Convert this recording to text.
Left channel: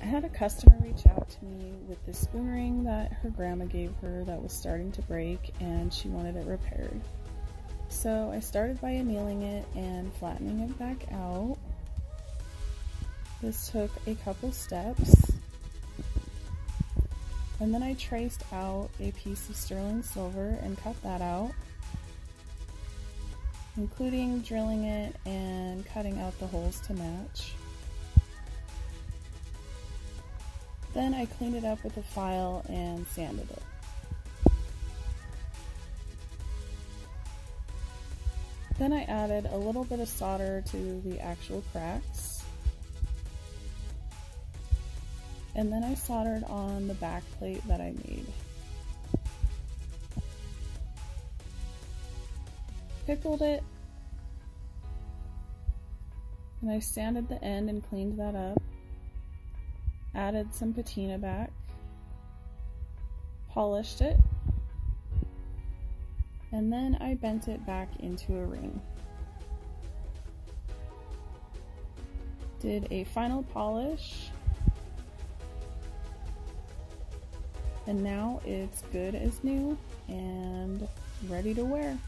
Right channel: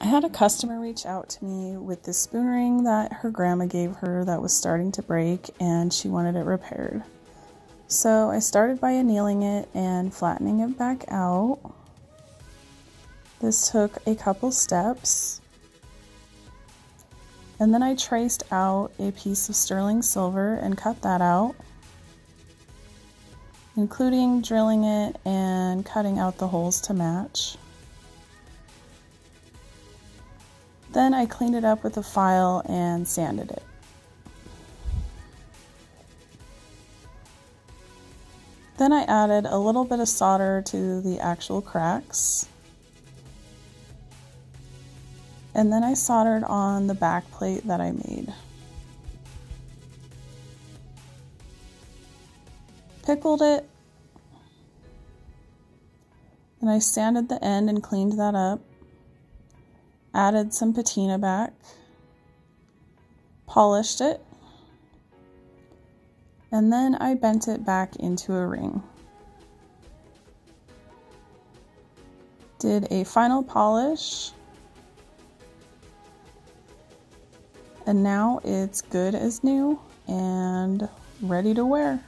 I had a customer reach out to me with this spoon ring that her grandma gave her that was starting to break, and she wanted it repaired. So I started by annealing it and flattening it back out. This took a couple steps. And then I traced out a piece of sterling silver and cut that out, including drilling it and cutting out the holes to match. Then I cleaned it up with a file and sanded it. Then I added a little bit of solder to the actual cracks. And then I soldered on the back plate that I made. Pickled it. And I sanded the end and cleaned that up. Added some patina back. Polished it. And then I bent it back into a ring. Did a final polish. And now it's good as new and ready to wear.